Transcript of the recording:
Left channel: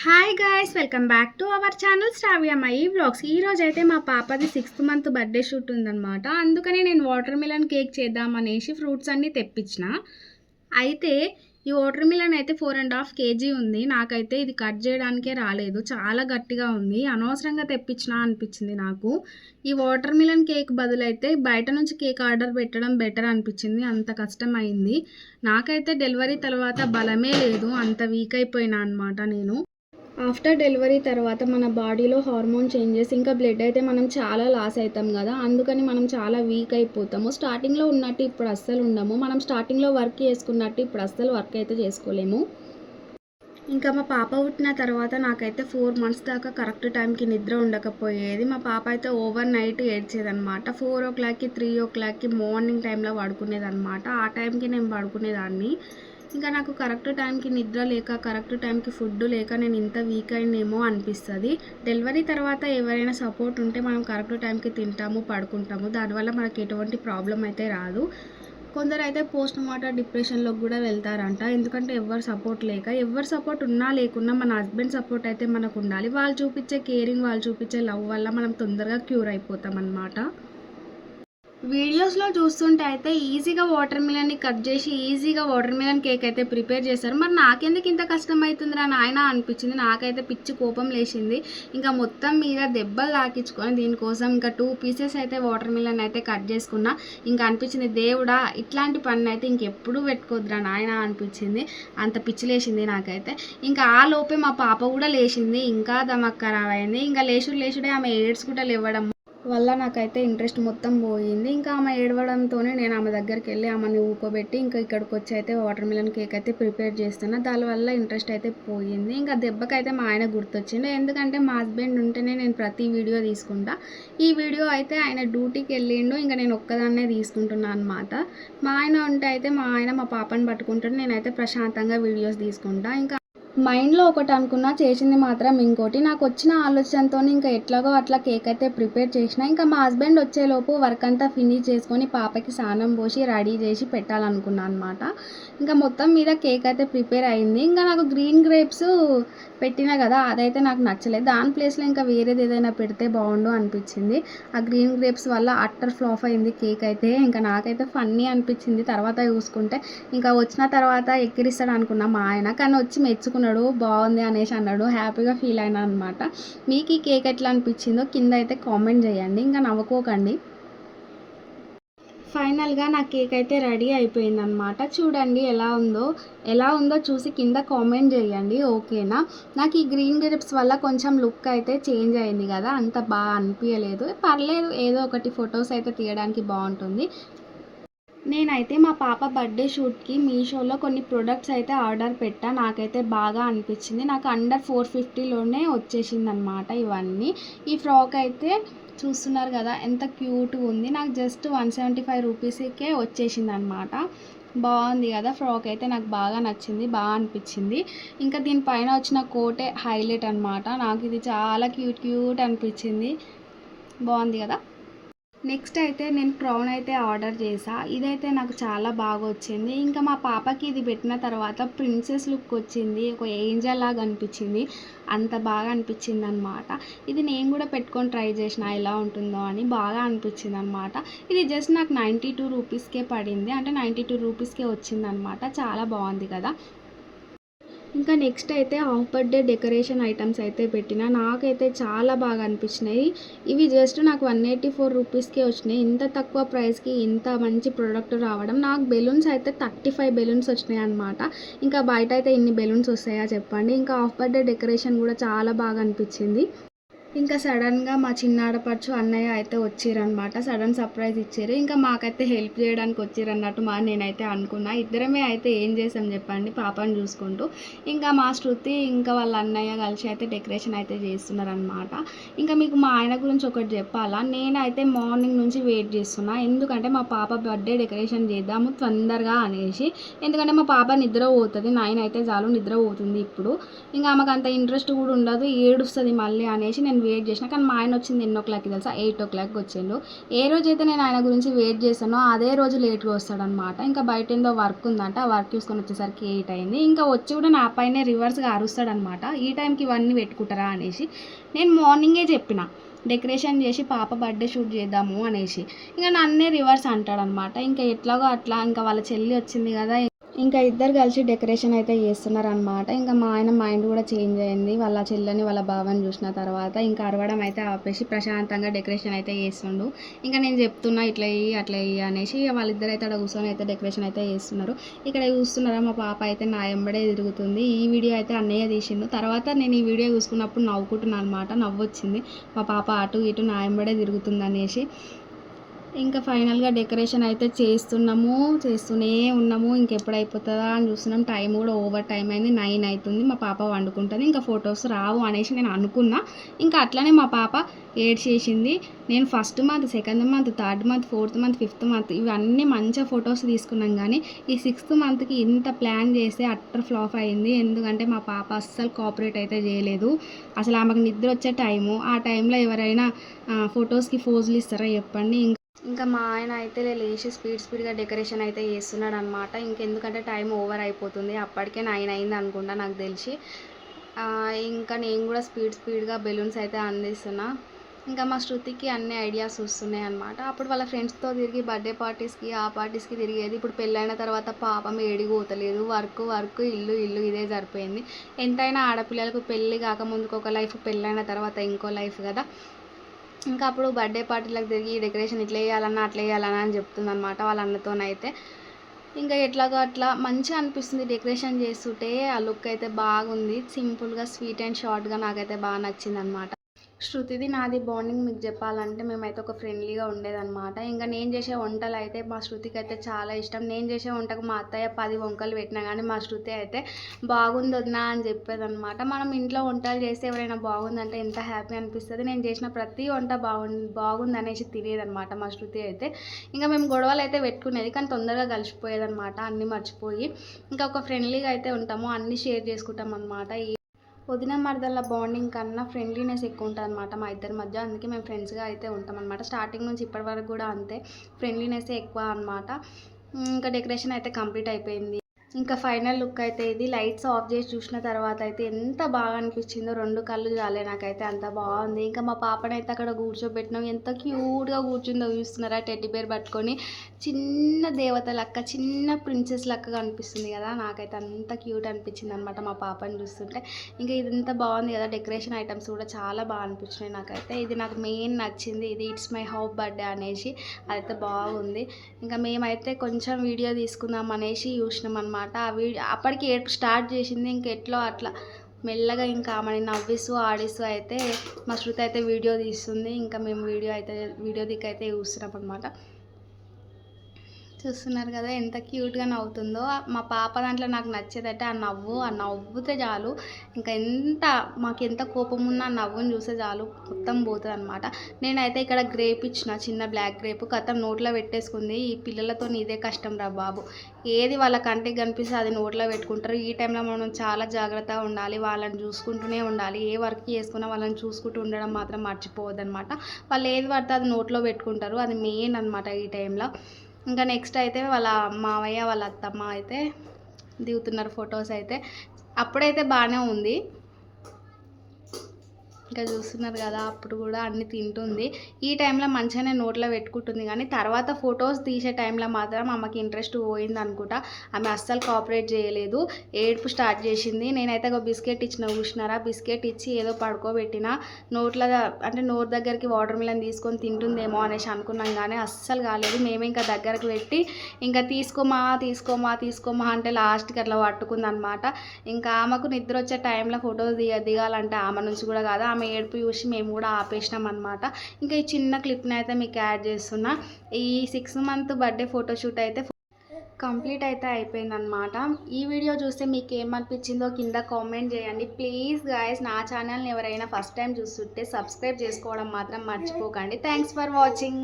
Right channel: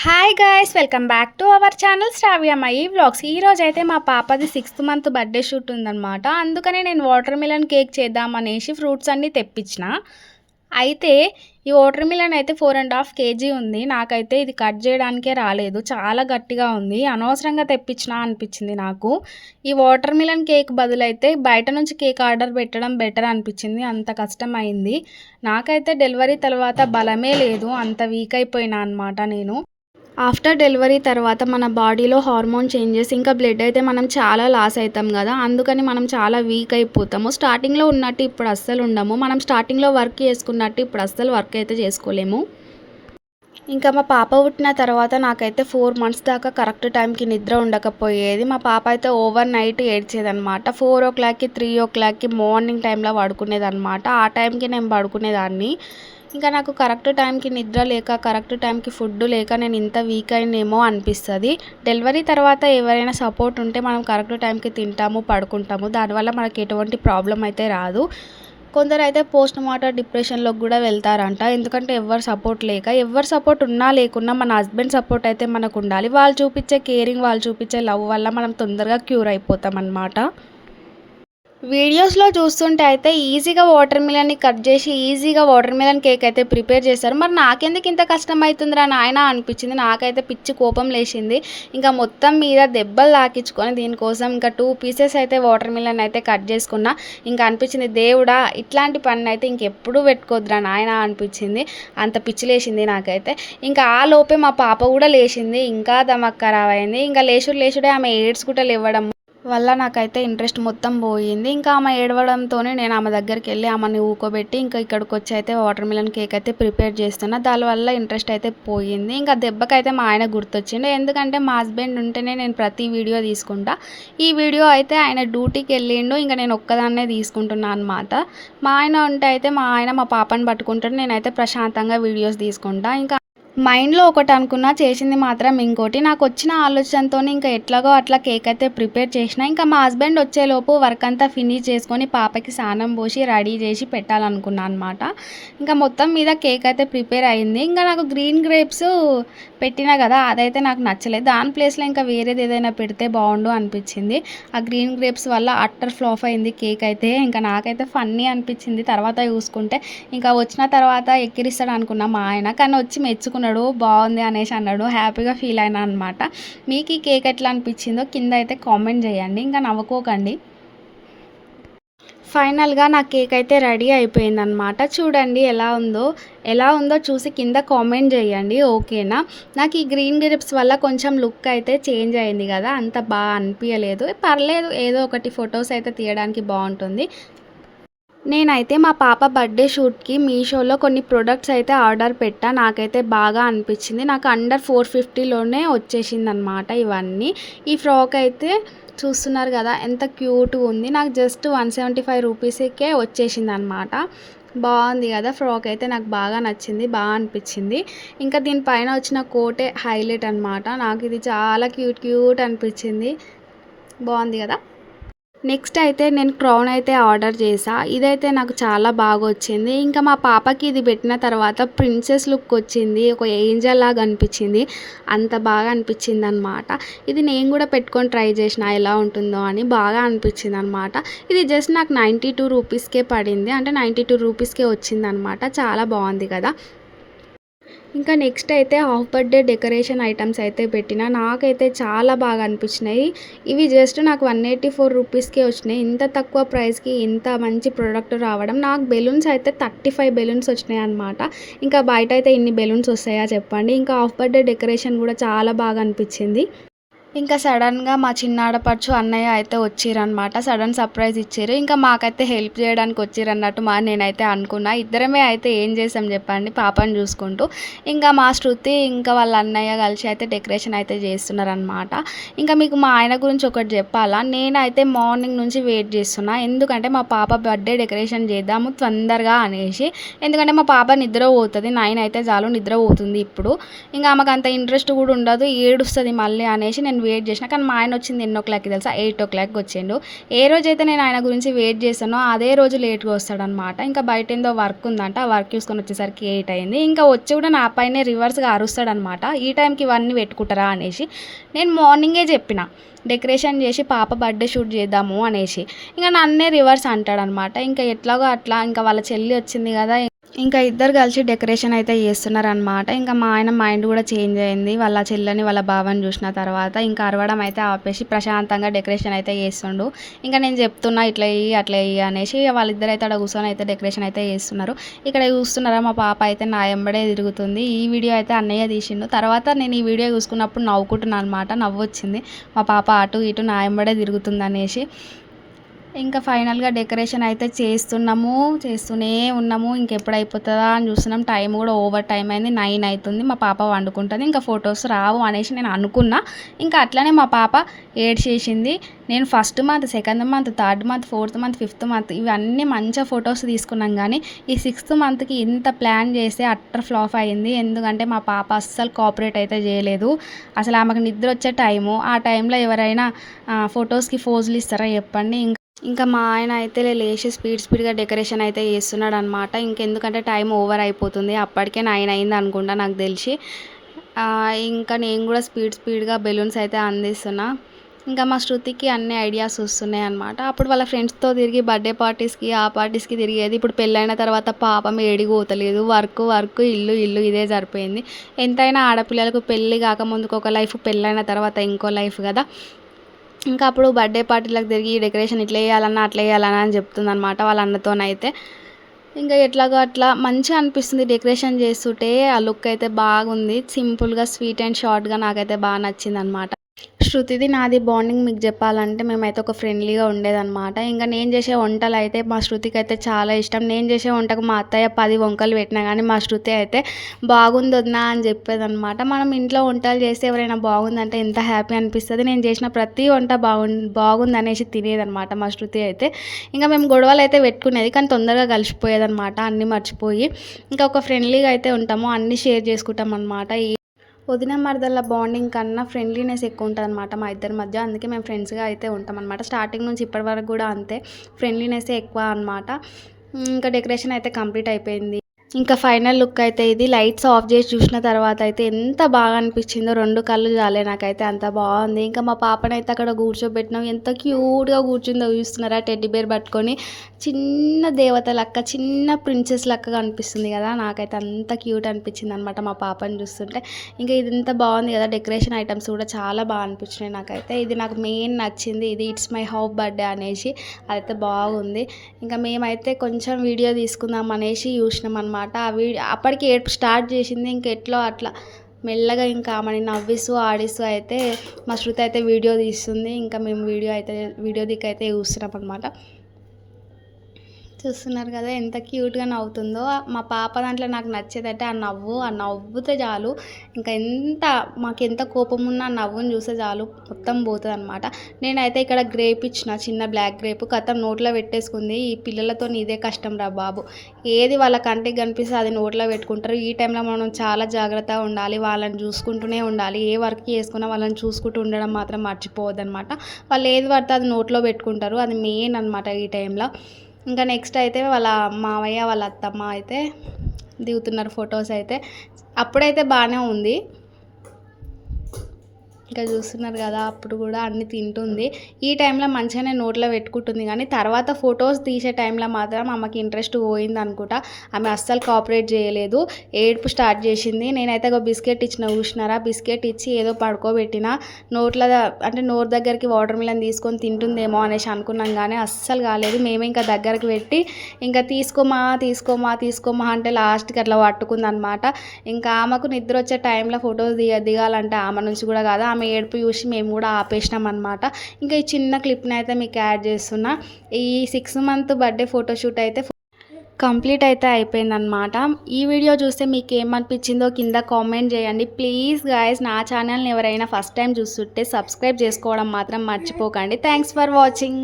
Hi guys, welcome back to our channel Sravyamayi vlogs. ఈరోజు అయితే మా పాపది 6th మంత్ బర్త్డే షూట్ ఉందన్నమాట. అందుకని నేను వాటర్ మిలన్ కేక్ చేద్దామనేసి ఫ్రూట్స్ అన్నీ తెప్పించిన. అయితే ఈ వాటర్ మిలన్ అయితే 4.5 kg ఉంది. నాకైతే ఇది కట్ చేయడానికే రాలేదు, చాలా గట్టిగా ఉంది. అనవసరంగా తెప్పించిన అనిపించింది నాకు. ఈ వాటర్ మిలన్ కేక్ బదులైతే బయట నుంచి కేక్ ఆర్డర్ పెట్టడం బెటర్ అనిపించింది. అంత కష్టమైంది నాకైతే. డెలివరీ తర్వాత బలమే లేదు, అంత వీక్ అయిపోయినా అనమాట నేను. ఆఫ్టర్ డెలివరీ తర్వాత మన బాడీలో హార్మోన్ చేంజెస్, ఇంకా బ్లడ్ అయితే మనం చాలా లాస్ అవుతాం కదా. అందుకని మనం చాలా వీక్ అయిపోతాము. స్టార్టింగ్లో ఉన్నట్టు ఇప్పుడు అస్సలు ఉండము. మనం స్టార్టింగ్లో వర్క్ చేసుకున్నట్టు ఇప్పుడు అస్సలు వర్క్ అయితే చేసుకోలేము. ఇంకా మా పాప పుట్టిన తర్వాత నాకైతే 4 months దాకా కరెక్ట్ టైంకి నిద్ర ఉండకపోయేది. మా పాప అయితే ఓవర్ నైట్ ఏడ్చేదనమాట. 4 o'clockకి 3 o'clockకి మార్నింగ్ టైంలో పడుకునేదనమాట. ఆ టైంకి నేను పడుకునేదాన్ని. ఇంకా నాకు కరెక్ట్ టైంకి నిద్ర లేక, కరెక్ట్ టైంకి ఫుడ్ లేక నేను ఇంత వీక్ అయినేమో అనిపిస్తుంది. డెలివరీ తర్వాత ఎవరైనా సపోర్ట్ ఉంటే మనం కరెక్ట్ టైంకి తింటాము, పడుకుంటాము. దానివల్ల మనకి ఎటువంటి ప్రాబ్లం అయితే రాదు. కొందరు అయితే పోస్ట్ మార్టం డిప్రెషన్లోకి కూడా వెళ్తారంట. ఎందుకంటే ఎవరు సపోర్ట్ లేక. ఎవరు సపోర్ట్ ఉన్నా లేకున్నా మన హస్బెండ్ సపోర్ట్ అయితే మనకు ఉండాలి. వాళ్ళు చూపించే కేరింగ్, వాళ్ళు చూపించే లవ్ వల్ల మనం తొందరగా క్యూర్ అయిపోతాం అన్నమాట. వీడియోస్లో చూస్తుంటే అయితే ఈజీగా వాటర్ మిలన్ని కట్ చేసి ఈజీగా వాటర్ మిలన్ కేక్ అయితే ప్రిపేర్ చేస్తారు. మరి నాకెందుకు ఇంత కష్టం అవుతుందిరా నాయన అనిపించింది. నాకైతే పిచ్చి కోపం లేచింది. ఇంకా మొత్తం మీద దెబ్బలు తాకించుకొని దీనికోసం ఇంకా 2 pieces అయితే వాటర్ మిలన్ అయితే కట్ చేసుకున్నా. ఇంకా అనిపించింది, దేవుడా ఇట్లాంటి పని అయితే ఇంకెప్పుడు పెట్టుకోద్దురా నాయన అనిపించింది. అంత పిచ్చి లేచింది నాకైతే. ఇంకా ఆ లోపే మా పాప కూడా లేచింది. ఇంకా దమక్ ఖరాబ్ అయింది. ఇంకా లేచుడే ఆమె ఏడ్చుకుంటూ లేవడం వల్ల నాకైతే ఇంట్రెస్ట్ మొత్తం పోయింది. ఇంకా ఆమె ఏడవడంతోనే నేను ఆమె దగ్గరికి వెళ్ళి ఆమెని ఊకోబెట్టి ఇంకా ఇక్కడికి వచ్చి అయితే వాటర్ మిలన్ కేక్ అయితే ప్రిపేర్ చేస్తున్నా. దానివల్ల ఇంట్రెస్ట్ అయితే పోయింది. ఇంకా దెబ్బకైతే మా ఆయన గుర్తొచ్చిండు. ఎందుకంటే మా హస్బెండ్ ఉంటేనే నేను ప్రతి వీడియో తీసుకుంటా. ఈ వీడియో అయితే ఆయన డ్యూటీకి వెళ్ళిండు. ఇంకా నేను ఒక్కదాన్నే తీసుకుంటున్నాను అనమాట. మా ఆయన ఉంటే అయితే మా ఆయన మా పాపని పట్టుకుంటాడు, నేనైతే ప్రశాంతంగా వీడియోస్ తీసుకుంటా. ఇంకా మైండ్లో ఒకటి అనుకున్నా, చేసింది మాత్రం ఇంకోటి. నాకు వచ్చిన ఆలోచనతో ఇంకా ఎట్లాగో అట్లా కేక్ అయితే ప్రిపేర్ చేసిన. ఇంకా మా హస్బెండ్ వచ్చేలోపు వర్క్ అంతా ఫినిష్ చేసుకొని పాపకి స్నానం పోసి రెడీ చేసి పెట్టాలనుకున్నాను అనమాట. ఇంకా మొత్తం మీద కేక్ అయితే ప్రిపేర్ అయింది. ఇంకా నాకు గ్రీన్ గ్రేప్స్ పెట్టినా కదా, అదైతే నాకు నచ్చలేదు. దాని ప్లేస్లో ఇంకా వేరేది ఏదైనా పెడితే బాగుండు అనిపించింది. ఆ గ్రీన్ గ్రేప్స్ వల్ల అట్టర్ ఫ్లాప్ అయింది కేక్ అయితే. ఇంకా నాకైతే ఫన్నీ అనిపించింది తర్వాత చూసుకుంటే. ఇంకా వచ్చిన తర్వాత ఎక్కిరిస్తాడు అనుకున్నా మా ఆయన, కానీ వచ్చి మెచ్చుకున్నాడు, బాగుంది అనేసి అన్నాడు. హ్యాపీగా ఫీల్ అయినా అనమాట. మీకు ఈ కేక్ ఎట్లా అనిపించిందో కింద అయితే కామెంట్ చేయండి. ఇంకా నవ్వుకోకండి. ఫైనల్గా నా కేక్ అయితే రెడీ అయిపోయిందనమాట. చూడండి ఎలా ఉందో చూసి కింద కామెంట్ చేయండి, ఓకేనా. నాకు ఈ గ్రీన్ గ్రేప్స్ వల్ల కొంచెం లుక్ అయితే చేంజ్ అయింది కదా, అంత బాగా అనిపించలేదు. పర్లేదు, ఏదో ఒకటి ఫొటోస్ అయితే తీయడానికి బాగుంటుంది. నేనైతే మా పాప బర్త్డే షూట్కి మీషోలో కొన్ని ప్రొడక్ట్స్ అయితే ఆర్డర్ పెట్టా. నాకైతే బాగా అనిపించింది. నాకు అండర్ 450లోనే వచ్చేసింది అనమాట ఇవన్నీ. ఈ ఫ్రాక్ అయితే చూస్తున్నారు కదా ఎంత క్యూట్గా ఉంది. నాకు జస్ట్ 175 రూపీస్కే వచ్చేసింది అనమాట. బాగుంది కదా ఫ్రాక్ అయితే, నాకు బాగా నచ్చింది, బాగా అనిపించింది. ఇంకా దీనిపైన వచ్చిన కోటే హైలైట్ అనమాట. నాకు ఇది చాలా క్యూట్ అనిపించింది. బాగుంది కదా. నెక్స్ట్ అయితే నేను క్రౌన్ అయితే ఆర్డర్ చేసా. ఇదైతే నాకు చాలా బాగా వచ్చింది. ఇంకా మా పాపకి ఇది పెట్టిన తర్వాత ప్రిన్సెస్ లుక్ వచ్చింది, ఒక ఏంజల్ లాగా అనిపించింది. అంత బాగా అనిపించింది అనమాట. ఇది నేను కూడా పెట్టుకొని ట్రై చేసిన ఎలా ఉంటుందో అని, బాగా అనిపించింది అనమాట. ఇది జస్ట్ నాకు 92 రూపీస్కే పడింది, అంటే 92 రూపీస్కే వచ్చింది అనమాట. చాలా బాగుంది కదా. ఇంకా నెక్స్ట్ అయితే హాఫ్ బర్త్డే డెకరేషన్ ఐటమ్స్ అయితే పెట్టిన. నాకైతే చాలా బాగా అనిపించినాయి. ఇవి జస్ట్ నాకు 184 రూపీస్కే వచ్చినాయి. ఇంత తక్కువ ప్రైస్కి ఇంత మంచి ప్రోడక్ట్ రావడం. నాకు బెలూన్స్ అయితే 35 బెలూన్స్ వచ్చినాయి అనమాట. ఇంకా బయట అయితే ఇన్ని బెలూన్స్ వస్తాయా చెప్పండి. ఇంకా హాఫ్ బర్త్డే డెకరేషన్ కూడా చాలా బాగా అనిపించింది. ఇంకా సడన్గా మా చిన్న ఆడపడుచు అన్నయ్య అయితే వచ్చిరనమాట. సడన్ సర్ప్రైజ్ ఇచ్చారు. ఇంకా మాకైతే హెల్ప్ చేయడానికి వచ్చిరన్నట్టు నేనైతే అనుకున్నా. ఇద్దరమే అయితే ఏం చేసాం చెప్పండి, పాపని చూసుకుంటూ. ఇంకా మా శృతి ఇంకా వాళ్ళ అన్నయ్య కలిసి అయితే డెకరేషన్ అయితే చేస్తున్నారనమాట. ఇంకా మీకు మా ఆయన గురించి ఒకటి చెప్పాలా, నేనైతే మార్నింగ్ నుంచి వెయిట్ చేస్తున్నా. ఎందుకంటే మా పాప బర్త్డే డెకరేషన్ చేద్దాము తొందరగా అనేసి. ఎందుకంటే మా పాప నిద్ర పోతుంది, 9 అయితే చాలు నిద్ర పోతుంది ఇప్పుడు. ఇంకా ఆమెకు అంత ఇంట్రెస్ట్ కూడా ఉండదు, ఏడుస్తుంది మళ్ళీ అనేసి నేను వెయిట్ చేసిన, కానీ మా ఆయన వచ్చింది ఎన్నో క్లాక్కి తెలుసా, 8 వచ్చిండు. ఏ రోజైతే నేను ఆయన గురించి వెయిట్ చేశానో అదే రోజు లేట్గా వస్తాడనమాట. ఇంకా బయట ఏందో వర్క్ ఉందంట, ఆ వర్క్ చూసుకొని వచ్చేసరికి 8 అయింది. ఇంకా వచ్చి కూడా నా పైనే రివర్స్గా అరుస్తాడనమాట, ఈ టైంకి ఇవన్నీ పెట్టుకుంటారా అనేసి. నేను మార్నింగే చెప్పిన డెకరేషన్ చేసి పాప బర్త్డే షూట్ చేద్దాము అనేసి. ఇంకా నన్నే రివర్స్ అంటాడనమాట. ఇంకా ఎట్లాగో అట్లా ఇంకా వాళ్ళ చెల్లి వచ్చింది కదా, ఇంకా ఇద్దరు కలిసి డెకరేషన్ అయితే చేస్తున్నారనమాట. ఇంకా మా ఆయన మైండ్ కూడా చేంజ్ అయింది వాళ్ళ చెల్లని వాళ్ళ బావని చూసిన తర్వాత. ఇంకా అరవడం అయితే ఆపేసి ప్రశాంతంగా డెకరేషన్ అయితే చేస్తుండు. ఇంకా నేను చెప్తున్నా ఇట్లా ఇయ్యి అట్లా ఇయ్యి అనేసి. వాళ్ళిద్దరు అయితే అక్కడ కూర్చొని అయితే డెకరేషన్ అయితే చేస్తున్నారు. ఇక్కడ చూస్తున్నారా మా పాప అయితే నా ఎంబడే తిరుగుతుంది. ఈ వీడియో అయితే అన్నయ్య తీసిండు. తర్వాత నేను ఈ వీడియో చూసుకున్నప్పుడు నవ్వుకుంటున్నాను అనమాట, నవ్వు వచ్చింది. మా పాప అటు ఇటు నా ఎంబడే తిరుగుతుంది అనేసి. ఇంకా ఫైనల్గా డెకరేషన్ అయితే చేస్తూనే ఉన్నాము. ఇంకెప్పుడు అయిపోతుందా అని చూస్తున్నాం. టైం కూడా ఓవర్ టైం అయింది, 9 అవుతుంది. మా పాప వండుకుంటుంది, ఇంకా ఫొటోస్ రావు అనేసి నేను అనుకున్నా. ఇంకా అట్లనే మా పాప ఏడ్చేసింది. నేను first month, second month, third month, fourth month, fifth month ఇవన్నీ మంచిగా ఫొటోస్ తీసుకున్నాం. కానీ ఈ 6th మంత్కి ఇంత ప్లాన్ చేస్తే అట్టర్ ఫ్లాప్ అయింది. ఎందుకంటే మా పాప అస్సలు కోఆపరేట్ అయితే చేయలేదు. అసలు ఆమెకు నిద్ర వచ్చే టైము, ఆ టైంలో ఎవరైనా ఫొటోస్కి ఫోజులు ఇస్తారా చెప్పండి. ఇంకా మా ఆయన అయితే లేచి స్పీడ్గా డెకరేషన్ అయితే చేస్తున్నాడు అనమాట. ఇంకెందుకంటే టైం ఓవర్ అయిపోతుంది, అప్పటికే 9 అయింది అనుకుంటా నాకు తెలిసి. ఇంకా నేను కూడా స్పీడ్గా బెలూన్స్ అయితే అందిస్తున్నా. ఇంకా మా శృతికి అన్ని ఐడియాస్ వస్తున్నాయి అనమాట. అప్పుడు వాళ్ళ ఫ్రెండ్స్తో తిరిగి బర్త్డే పార్టీస్కి ఆ పార్టీస్కి తిరిగేది. ఇప్పుడు పెళ్ళైన తర్వాత పాపం ఏడికి పోతలేదు, వర్క్ ఇల్లు ఇదే సరిపోయింది. ఎంతైనా ఆడపిల్లలకు పెళ్ళి కాకముందుకు ఒక లైఫ్, పెళ్ళైన తర్వాత ఇంకో లైఫ్ కదా. ఇంకా అప్పుడు బర్త్డే పార్టీలకు తిరిగి డెకరేషన్ ఇట్లా వేయాలన్నా అట్లా వేయాలన్నా అని చెప్తుంది అనమాట వాళ్ళ అన్నతోనైతే. ఇంకా ఎట్లాగో అట్లా మంచిగా అనిపిస్తుంది డెకరేషన్ చేస్తుంటే. ఆ లుక్ అయితే బాగుంది, సింపుల్గా స్వీట్ అండ్ షార్ట్గా నాకైతే బాగా నచ్చింది అనమాట. శృతిది నాది బాండింగ్ మీకు చెప్పాలంటే మేమైతే ఒక ఫ్రెండ్లీగా ఉండేదన్నమాట. ఇంకా నేను చేసే వంటలు అయితే మా శృతికి అయితే చాలా ఇష్టం. నేను చేసే వంటకు మా అత్తయ్య 10 వంకలు పెట్టినా కానీ మా శృతి అయితే బాగుంది వదినా అని చెప్పేదన్నమాట. మనం ఇంట్లో వంటలు చేస్తే ఎవరైనా బాగుందంటే ఎంత హ్యాపీ అనిపిస్తుంది. నేను చేసిన ప్రతి వంట బాగుంది అనేసి తినేదన్నమాట మా శృతి అయితే. ఇంకా మేము గొడవలు అయితే పెట్టుకునేది, కానీ తొందరగా కలిసిపోయేదన్నమాట అన్నీ మర్చిపోయి. ఇంకా ఒక ఫ్రెండ్లీగా అయితే ఉంటాము, అన్నీ షేర్ చేసుకుంటాం అనమాట. వదిన మరదల బాండింగ్ కన్నా ఫ్రెండ్లీనెస్ ఎక్కువ ఉంటుంది అనమాట మా ఇద్దరి మధ్య. అందుకే మేము ఫ్రెండ్స్గా అయితే ఉంటాం అనమాట. స్టార్టింగ్ నుంచి ఇప్పటి వరకు కూడా అంతే, ఫ్రెండ్లీనెస్ ఎక్కువ అనమాట. ఇంకా డెకరేషన్ అయితే కంప్లీట్ అయిపోయింది. ఇంకా ఫైనల్ లుక్ అయితే ఇది. లైట్స్ ఆఫ్ చేసి చూసిన తర్వాత అయితే ఎంత బాగా అనిపించిందో, 2 కళ్ళు చాలే నాకైతే, అంత బాగుంది. ఇంకా మా పాపనైతే అక్కడ కూర్చోబెట్టినాం, ఎంత క్యూట్గా కూర్చుందో చూస్తున్నారా, టెడ్డీ బేర్ పట్టుకొని. చిన్న దేవత లెక్క, చిన్న ప్రిన్సెస్ లెక్కగా అనిపిస్తుంది కదా, నాకైతే అంత క్యూట్ అనిపించింది అనమాట మా పాపని చూస్తుంటే. ఇంకా ఇది ఎంత బాగుంది కదా, డెకరేషన్ ఐటమ్స్ కూడా చాలా బాగా అనిపించినాయి నాకైతే. ఇది నాకు మెయిన్ నచ్చింది, ఇది ఇట్స్ మై హౌ బర్త్డే అనేసి, అదైతే బాగుంది. ఇంకా మేమైతే కొంచెం వీడియో తీసుకుందాం అనేసి చూసినాం అనమాట. ఆ వీడియో అప్పటికి ఏడుపు స్టార్ట్ చేసింది. ఇంకెట్లో అట్లా మెల్లగా ఇంకా ఆమెని నవ్విస్తూ ఆడిస్తూ అయితే మా శృతి అయితే వీడియో తీస్తుంది. ఇంకా మేము వీడియో దిక్కైతే చూస్తున్నాం అనమాట. చూస్తున్నారు కదా ఎంత క్యూట్గా నవ్వుతుందో. మా పాప దాంట్లో నాకు నచ్చేదంటే ఆ నవ్వుతే చాలు, ఇంకా మాకెంత కోపం ఉన్నా ఆ నవ్వుని చూస్తే చాలు మొత్తం పోతుంది అనమాట. నేనైతే ఇక్కడ గ్రేప్ ఇచ్చిన, చిన్న బ్లాక్ గ్రేప్, కథం నోట్లో పెట్టేసుకుంది. ఈ పిల్లలతో ఇదే కష్టం రా బాబు, ఏది వాళ్ళ కంటికి కనిపిస్తే అది నోట్లో పెట్టుకుంటారు. ఈ టైంలో మనం చాలా జాగ్రత్తగా ఉండాలి, వాళ్ళని చూసుకుంటూనే ఉండాలి. ఏ వర్క్ చేసుకున్నా వాళ్ళని చూసుకుంటూ ఉండడం మాత్రం మర్చిపోవద్దు అనమాట. వాళ్ళు ఏది పడితే అది నోట్లో పెట్టుకుంటారు, అది మెయిన్ అనమాట ఈ టైంలో. ఇంకా నెక్స్ట్ అయితే వాళ్ళ మావయ్య వాళ్ళ అత్తమ్మ అయితే దిగుతున్నారు ఫొటోస్ అయితే. అప్పుడైతే బాగానే ఉంది, ఇంకా చూస్తున్నారు కదా, అప్పుడు కూడా అన్నీ తింటుంది. ఈ టైంలో మంచిగానే నోట్లో పెట్టుకుంటుంది, కానీ తర్వాత ఫొటోస్ తీసే టైంలో మాత్రం ఆమెకి ఇంట్రెస్ట్ పోయింది అనుకుంటా. ఆమె అస్సలు కోఆపరేట్ చేయలేదు, ఏడుపు స్టార్ట్ చేసింది. నేనైతే ఒక బిస్కెట్ ఇచ్చిన, చూసినారా, బిస్కెట్ ఇచ్చి ఏదో పడుకోబెట్టిన. నోరు దగ్గరికి వాటర్ మిలన్ తీసుకొని తింటుందేమో అనేసి అనుకున్నాం, కానీ అస్సలు కాలేదు. మేమే ఇంకా దగ్గరకు పెట్టి ఇంకా తీసుకోమా అంటే లాస్ట్కి అట్లా పట్టుకుంది అనమాట. ఇంకా ఆమెకు నిద్ర వచ్చే టైంలో ఫొటోస్ దిగాలంటే ఆమె నుంచి కూడా కాదు, ఆమె ఏడుపు చూసి మేము కూడా ఆపేసినాం అనమాట. ఇంకా ఈ చిన్న క్లిప్ని అయితే మీకు యాడ్ చేస్తున్నా. ఈ 6 మంత్ బర్త్డే ఫోటోషూట్ అయితే కంప్లీట్ అయితే అయిపోయిందనమాట. ఈ వీడియో చూస్తే మీకు ఏమనిపించిందో కింద కామెంట్ చేయండి ప్లీజ్ గాయస్. నా ఛానల్ని ఎవరైనా ఫస్ట్ టైం చూస్తుంటే సబ్స్క్రైబ్ చేసుకోవడం మాత్రం మర్చిపోకండి. Thanks for watching.